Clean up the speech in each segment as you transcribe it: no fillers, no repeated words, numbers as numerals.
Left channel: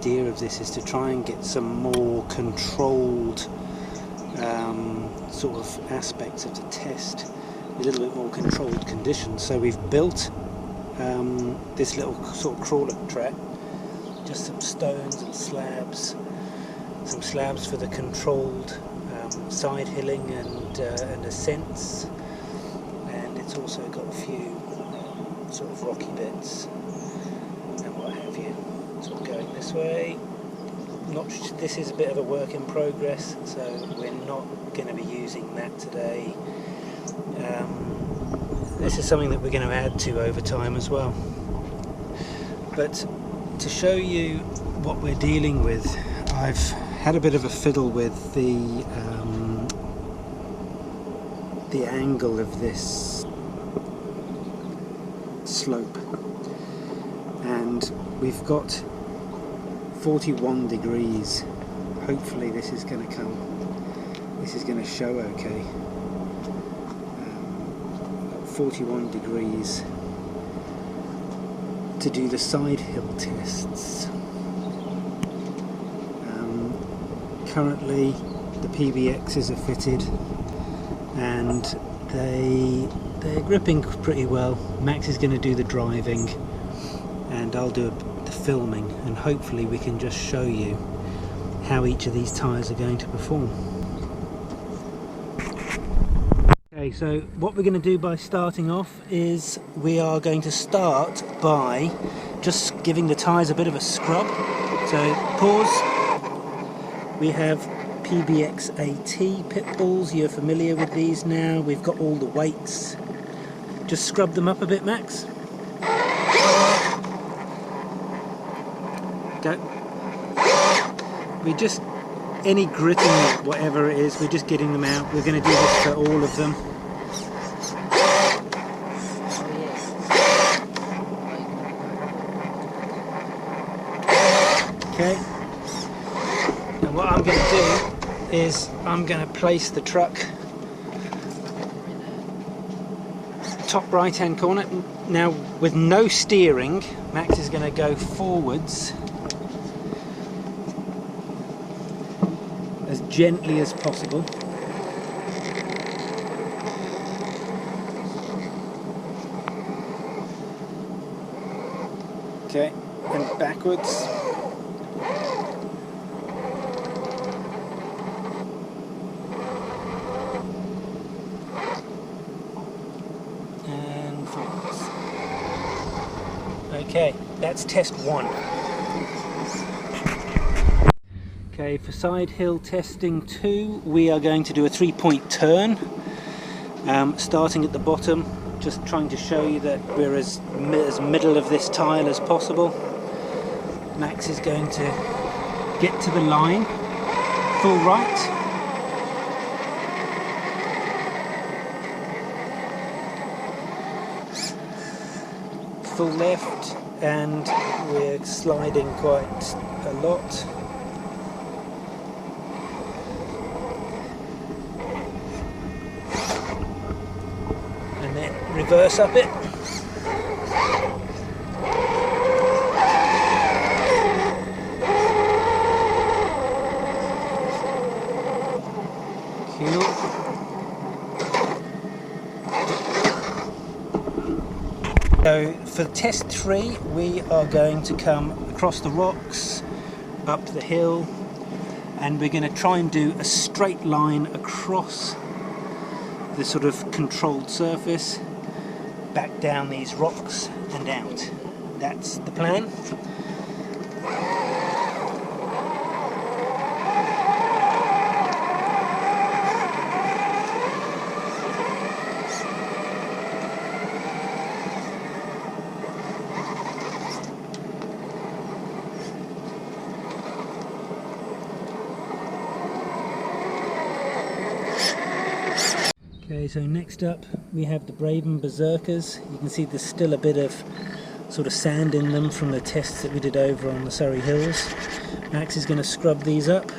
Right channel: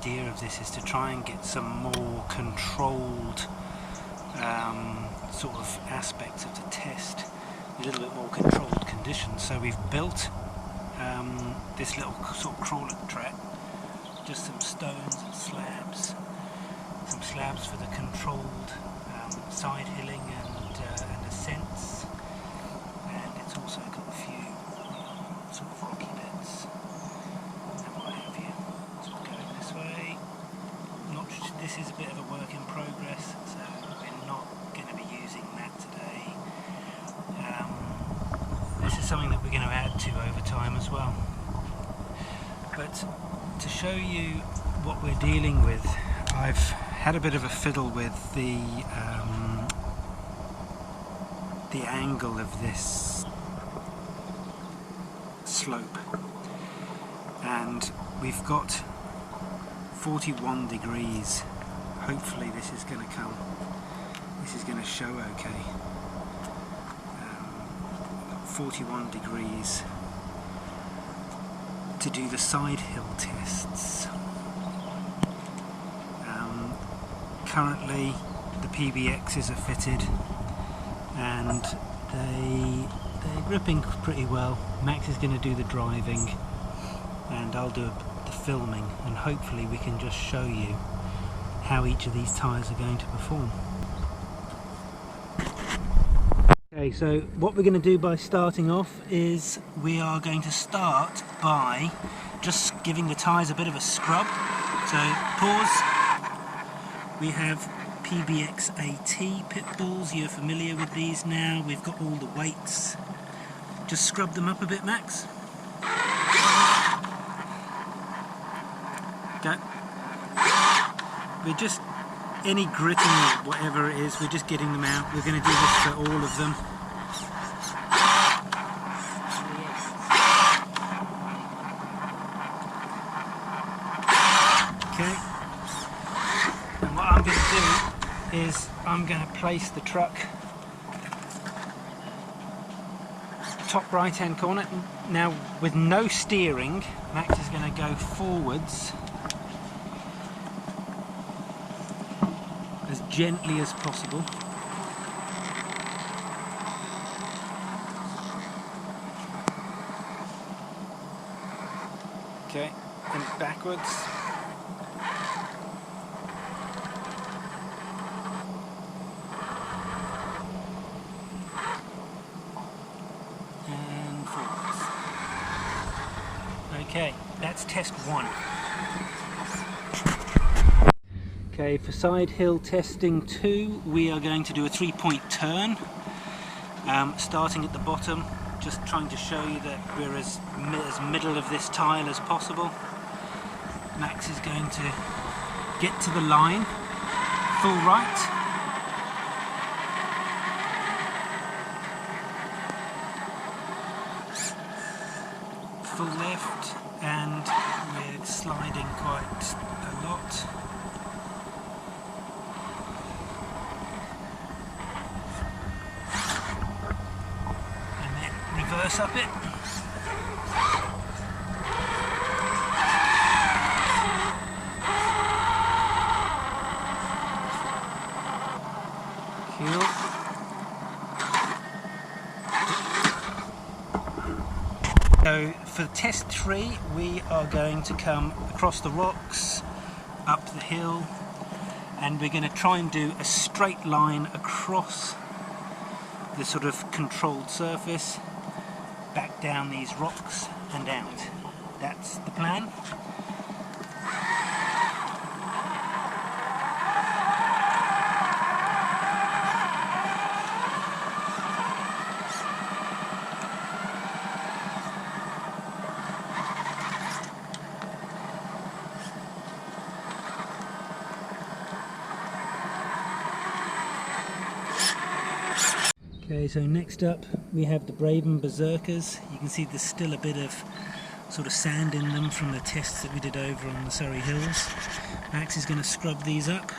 idea of this is to try and get some more controlled sort of aspects of the test, a little bit more controlled conditions. So we've built this little sort of crawler track, just some stones and slabs, some slabs for the controlled side hilling and ascents, and it's also got a few sort of rocky bits and what have you. Sort of going this way. This is a bit of a work in progress, so we're not going to be using that today. This is something that we're going to add to over time as well. But to show you what we're dealing with, I've had a bit of a fiddle with the angle of this slope, and we've got 41 degrees. Hopefully this is going to show okay. Got 41 degrees to do the side hill tests. Currently the PBXs are fitted and they're gripping pretty well. Max is going to do the driving and I'll do the filming, and hopefully we can just show you how each of these tyres are going to perform. Okay, so what we're going to do by starting off is we are going to start by just giving the tyres a bit of a scrub. So pause. We have PBX AT Pitbulls, you're familiar with these now. We've got all the weights. Just scrub them up a bit, Max. Go. We're just, any gritting, whatever it is, we're just getting them out. We're going to do this for all of them. Okay. And what I'm going to do is I'm going to place the truck top right hand corner. Now with no steering, Max is going to go forwards as gently as possible. Okay, and backwards. And forwards. Okay, that's test one. Okay, for side hill testing 2, we are going to do a 3-point turn, starting at the bottom, just trying to show you that we're as middle of this tile as possible. Max is going to get to the line, full right, full left, and we're sliding quite a lot. And then reverse up it. Cool. So for test 3, we are going to come across the rocks, up the hill, and we're going to try and do a straight line across the sort of controlled surface, back down these rocks and out. That's the plan. Okay, so next up we have the Braven Berserkers. You can see there's still a bit of sort of sand in them from the tests that we did over on the Surrey Hills. Max is going to scrub these up.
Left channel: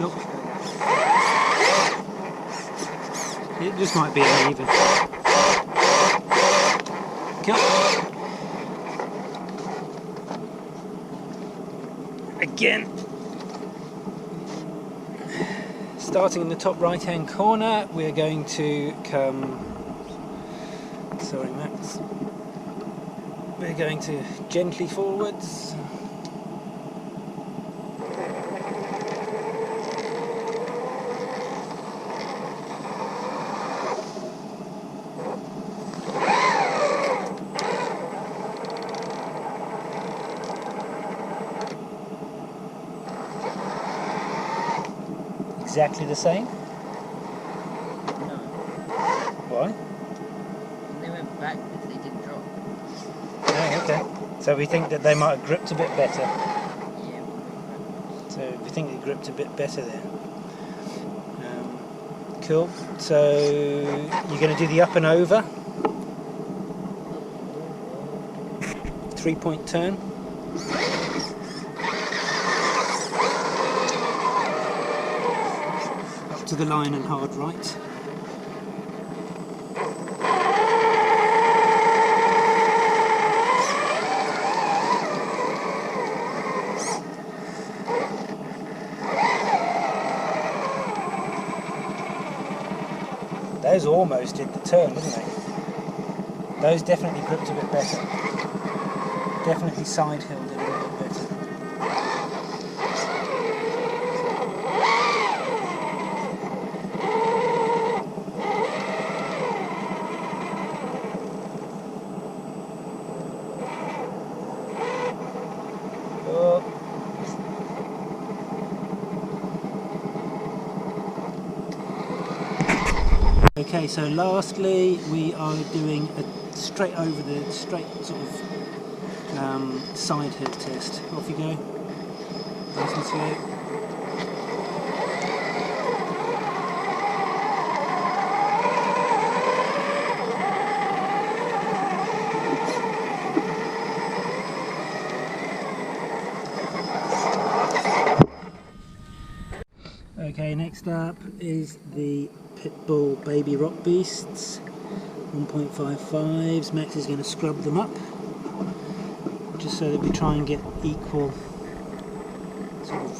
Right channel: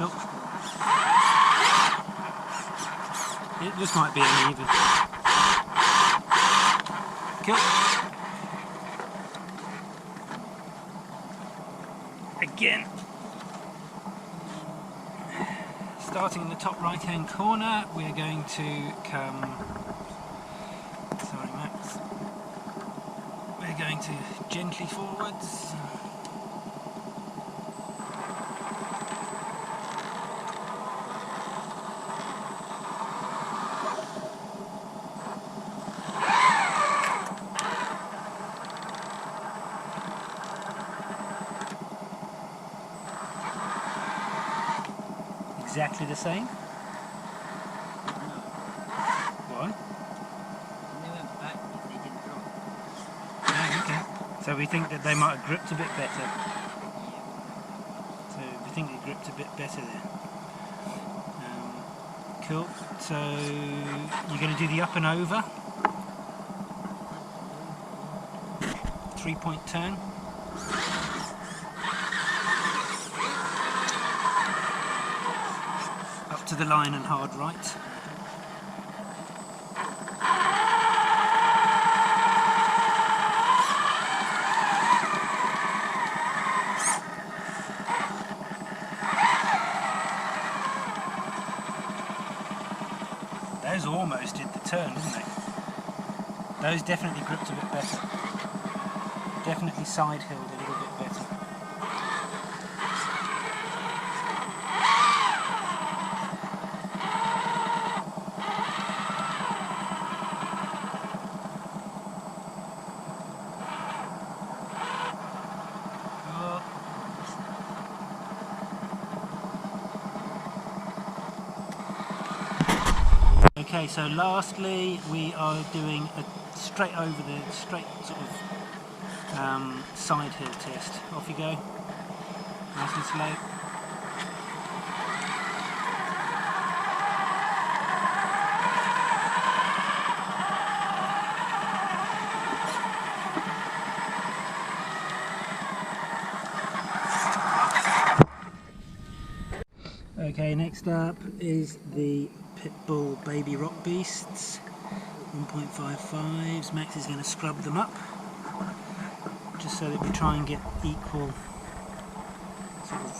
Cool. It just might be uneven. Cool. Again. Starting in the top right hand corner, we're going to come, sorry Max, we're going to gently forwards. Exactly the same? No. Why? When they went back, they didn't drop. Oh, okay. So we think that they might have gripped a bit better. Yeah, So we think they gripped a bit better there. Cool. So you're going to do the up and over. 3-point turn. Up to the line and hard right. Those almost did the turn, didn't they? Those definitely gripped a bit better. Definitely side-hilled a little bit better. Cool. Okay, so lastly we are doing a straight over the straight sort of side hill test. Off you go, nice and slow. Okay, next up is the Pitbull Baby Rock Beasts 1.55s. Max is going to scrub them up just so that we try and get equal sort of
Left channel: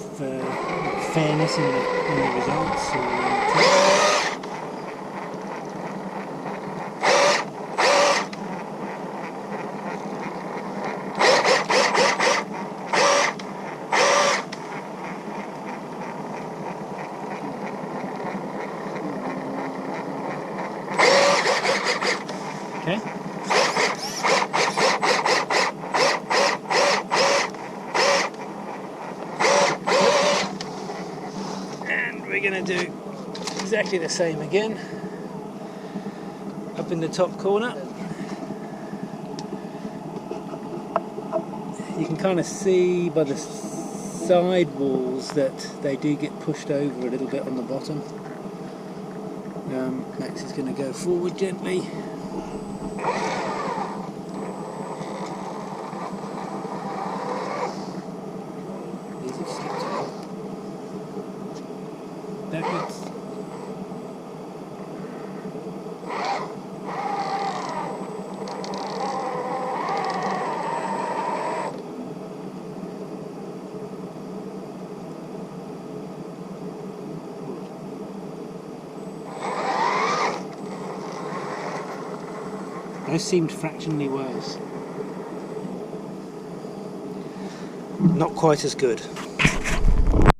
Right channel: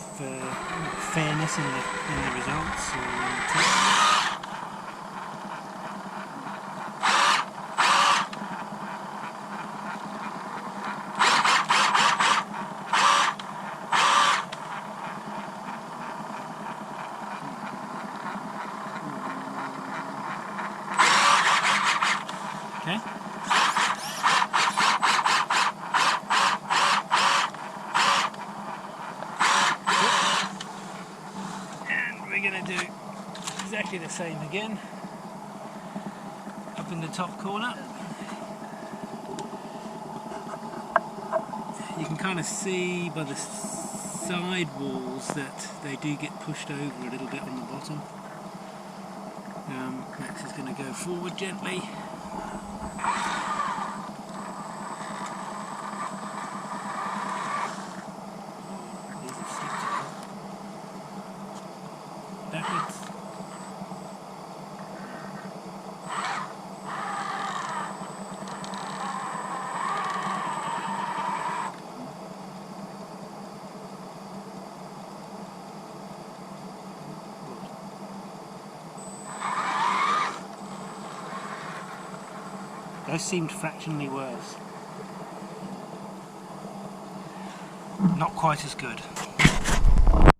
fairness in the results. Okay. And we're going to do exactly the same again. Up in the top corner. You can kind of see by the side walls that they do get pushed over a little bit on the bottom. Max is going to go forward gently. These have slipped a bit. Backwards. Those seemed fractionally worse. Not quite as good.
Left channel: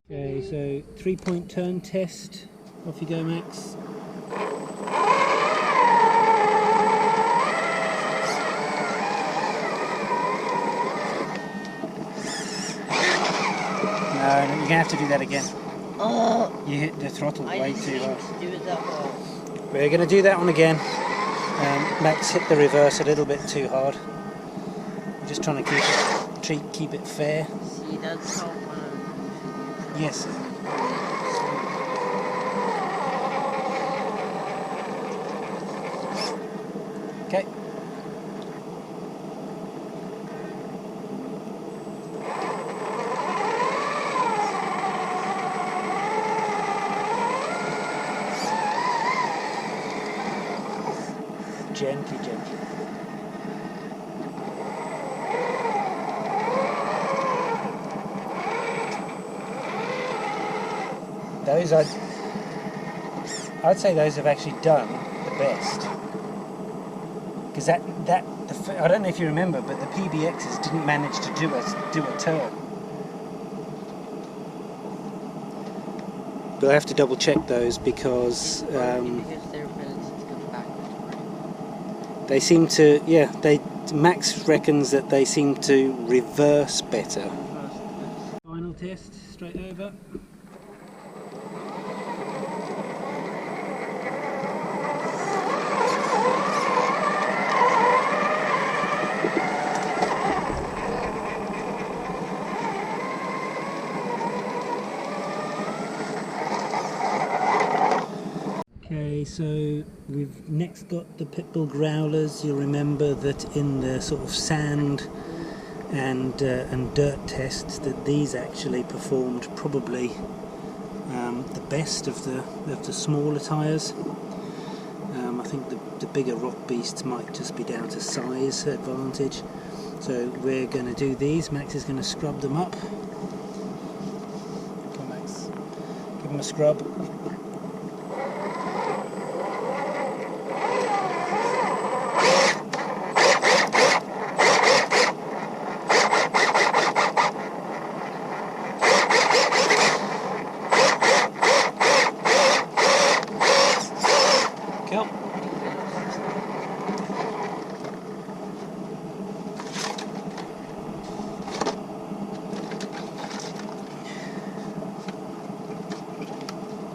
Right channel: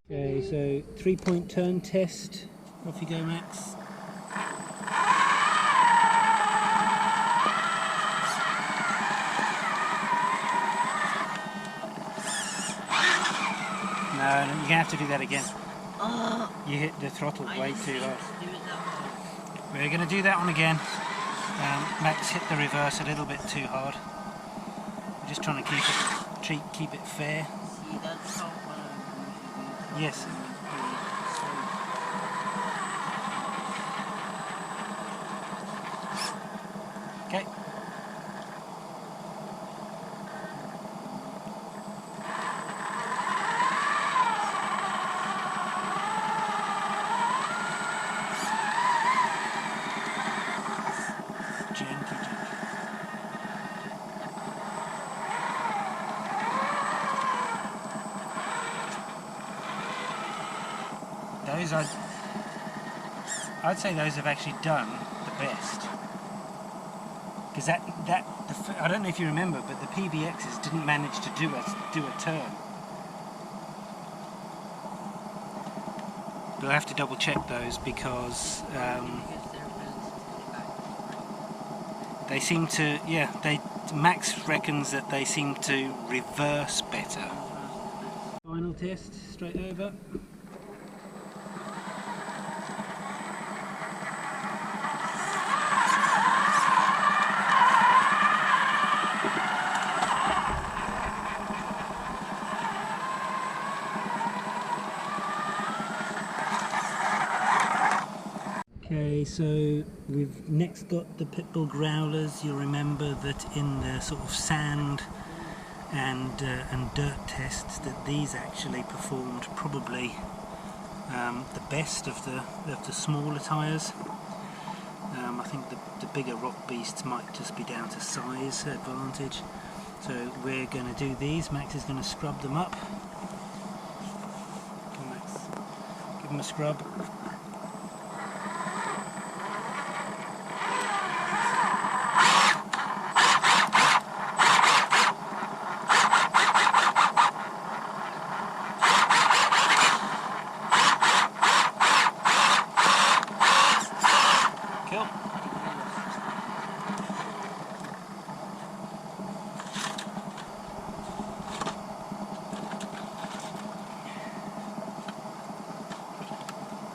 Okay, so 3-point turn test. Off you go, Max. No, you're going to have to do that again. Oh, You hit the throttle way too hard. do it that hard. We're going to do that one again. Max hit the reverse a little bit too hard. We're just trying to keep it fair. See, that's how Yes. Okay. gently, gently. Those I'd say those have actually done the best, because I don't know if you remember, but the PBXs didn't manage to do a turn. But I have to double check those because they seem to, yeah, Max reckons that they seem to reverse better. Final test, straight over. Okay, so we've next got the Pitbull growlers. You'll remember that in the sort of sand and dirt tests, that these actually performed probably the best of the smaller tyres. I think the bigger rock beasts might just be down to size advantage. So we're going to do these. Max is going to scrub them up. Come on, Max, give them a scrub. Cool.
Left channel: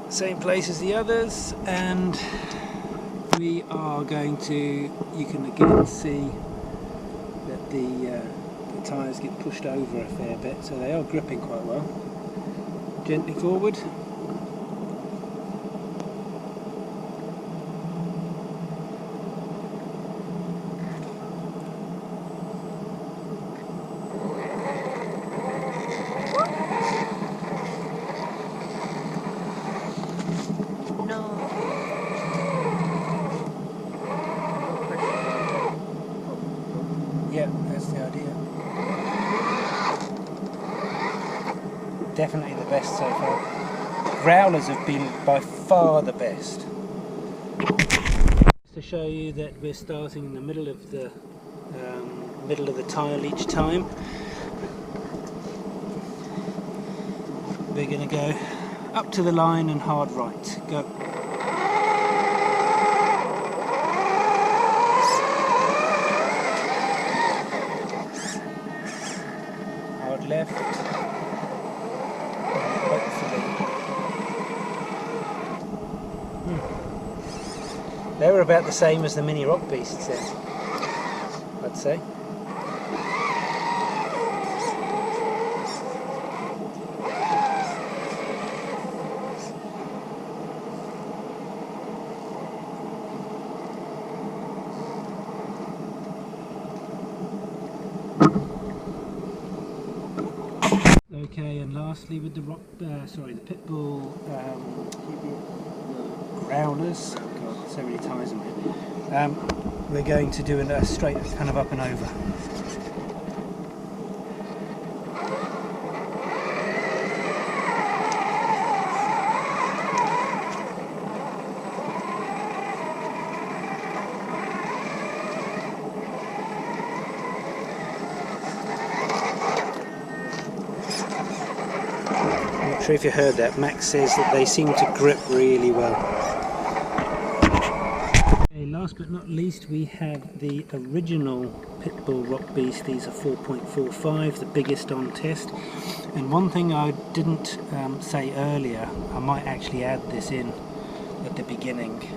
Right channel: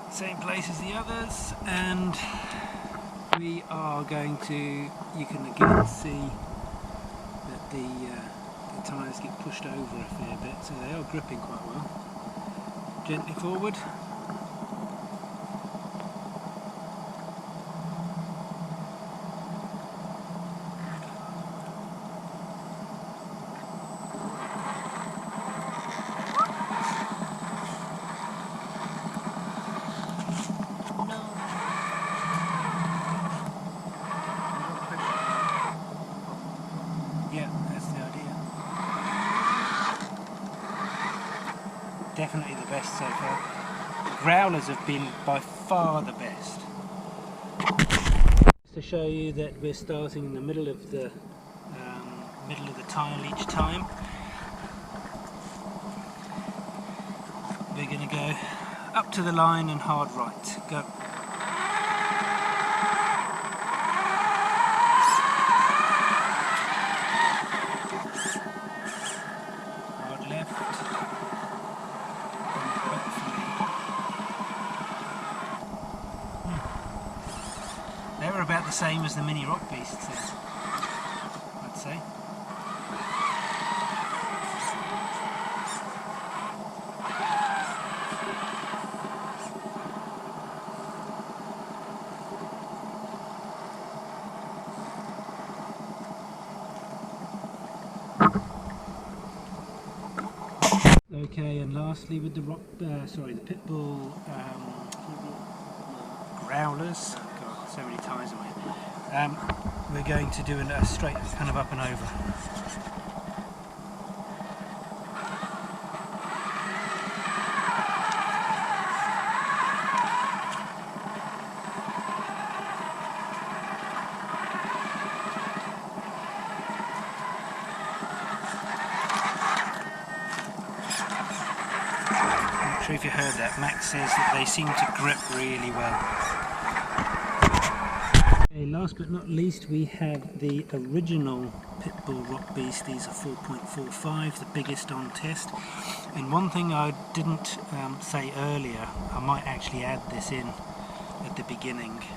Same place as the others, and we are going to, you can again see that the tyres get pushed over a fair bit, so they are gripping quite well. Gently forward. Yeah, that's the idea. Definitely the best so far. Growlers have been by far the best. Just to show you that we're starting in the middle of the tile each time. We're going to go up to the line and hard right. Go. Hard left. And hopefully. They were about the same as the mini rock beasts then, I'd say. Okay, and lastly with the the Pitbull growlers. God, so many ties in my head. We're going to do a straight kind of up and over. I'm not sure if you heard that. Max says that they seem to grip really well. Okay, last but not least, we have the original Pitbull Rock Beast. These are 4.45, the biggest on test. And one thing I didn't say earlier, I might actually add this in at the beginning,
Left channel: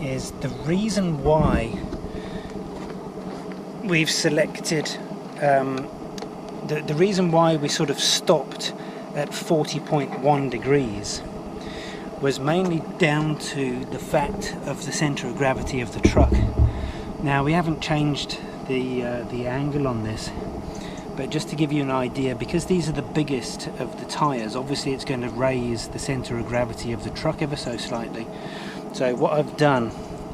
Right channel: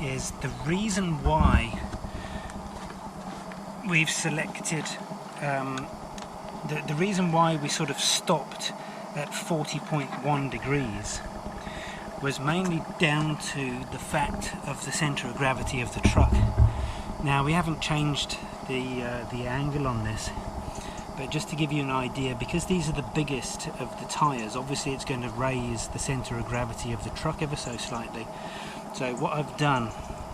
is the reason why we've selected, the reason why we sort of stopped at 40.1 degrees was mainly down to the fact of the centre of gravity of the truck. Now we haven't changed the angle on this, but just to give you an idea, because these are the biggest of the tyres, obviously it's going to raise the centre of gravity of the truck ever so slightly. So what I've done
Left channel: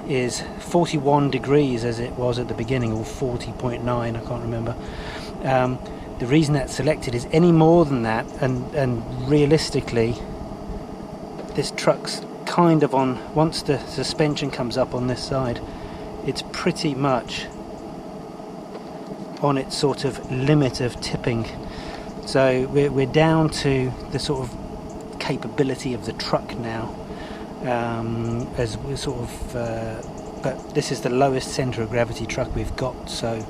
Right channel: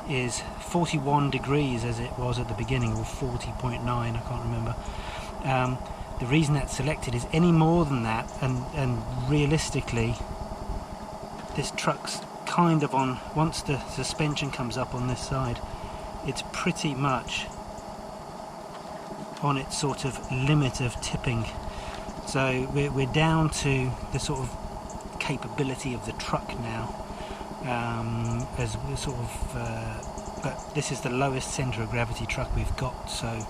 is 41 degrees as it was at the beginning, or 40.9, I can't remember. The reason that's selected is any more than that, and realistically this truck's kind of on, once the suspension comes up on this side, it's pretty much on its sort of limit of tipping. So we're down to the sort of capability of the truck now, as we're sort of but this is the lowest centre of gravity truck we've got, so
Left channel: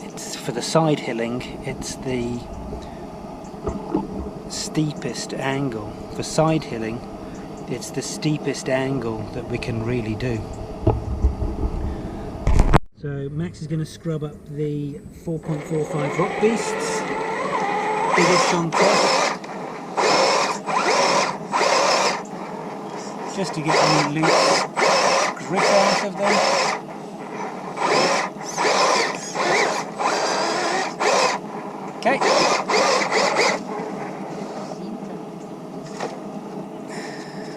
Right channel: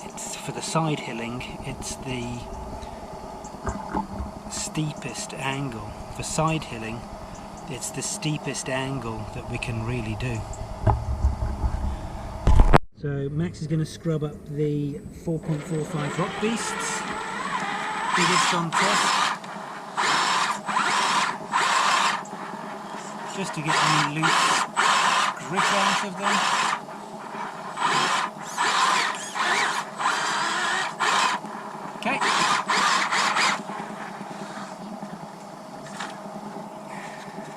it's for the side hilling, it's the steepest angle. For side hilling, it's the steepest angle that we can really do. So Max is going to scrub up the 4.45 Rock Beasts, biggest on test, just to get any loose grip out of them. Okay.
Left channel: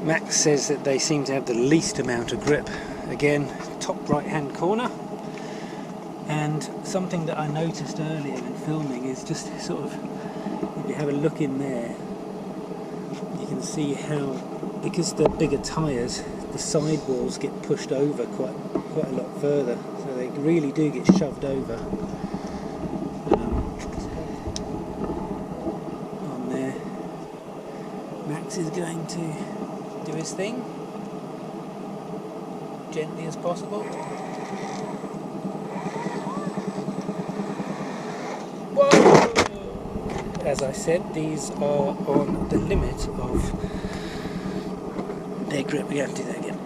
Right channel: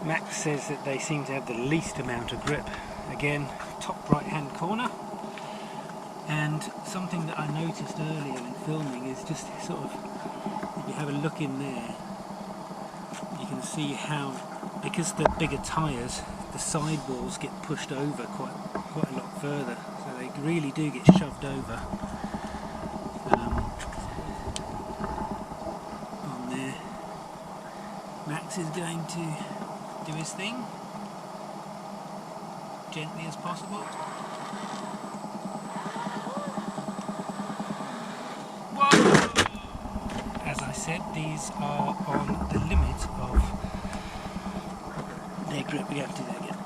Max says that they seem to have the least amount of grip. Again, top right hand corner. And something that I noticed earlier in filming is just sort of, if you have a look in there, you can see how, because they're bigger tyres, the sidewalls get pushed over quite a lot further, so they really do get shoved over on there. Max is going to do his thing, gently as possible. Whoa! As I said, these are on the limit of their grip. We have to do that again.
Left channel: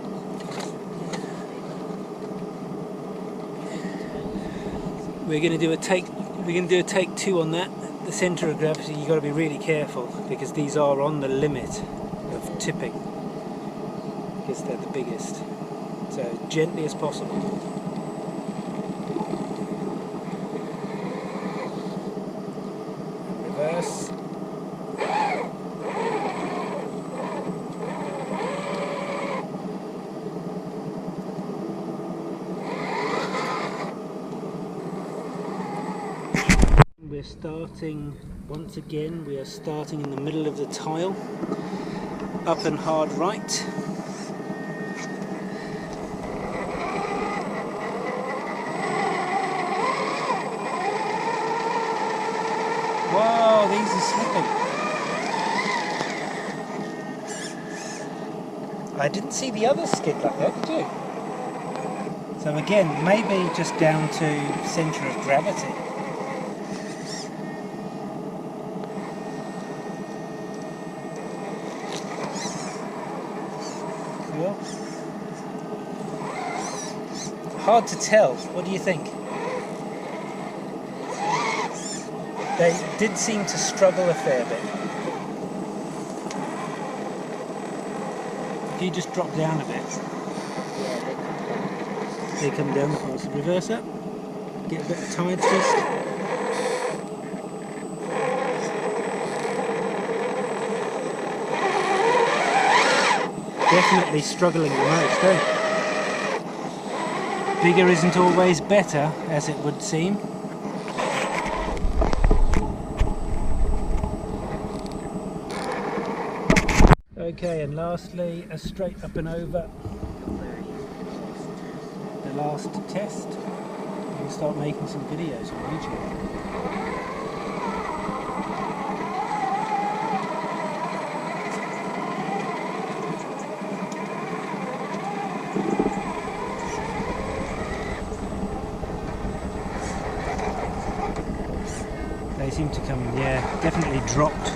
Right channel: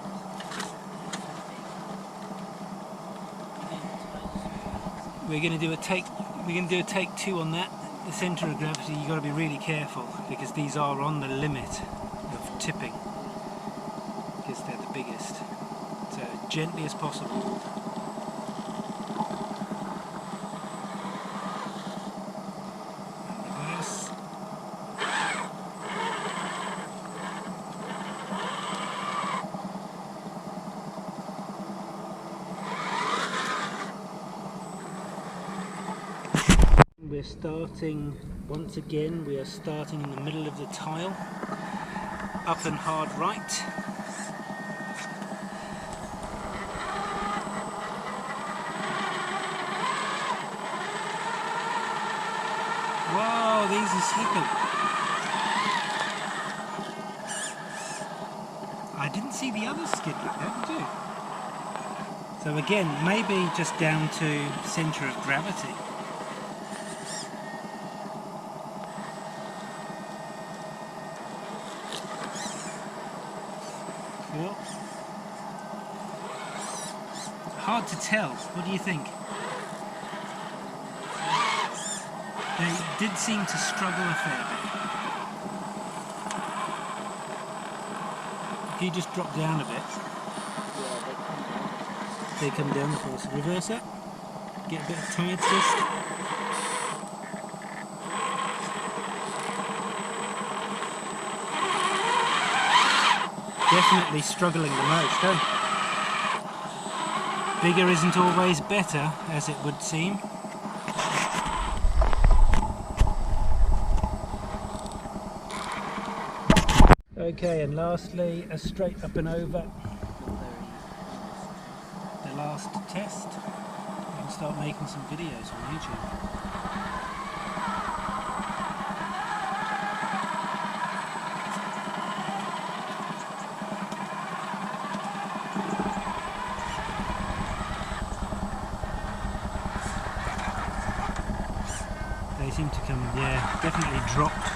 We're going to do a take. We're going to do a take 2 on that. The centre of gravity, you've got to be really careful because these are on the limit of tipping because they're the biggest. So gently as possible. And reverse. We're starting, once again, we are starting in the middle of the tile, up and hard right. Whoa, these are slipping. I didn't see the others skid like that, did you? So again, maybe just down to centre of gravity. Cool. Hard to tell. What do you think? They did seem to struggle a fair bit. If you just drop down a bit. Yeah, they come down. They come down the path. So reverse that. Get a bit of tire twist. Definitely struggling the most, eh? Bigger isn't always better, as it would seem. Okay, and lastly, a straight up and over. The last test. We'll start making some videos on YouTube. They seem to come, yeah, definitely dropped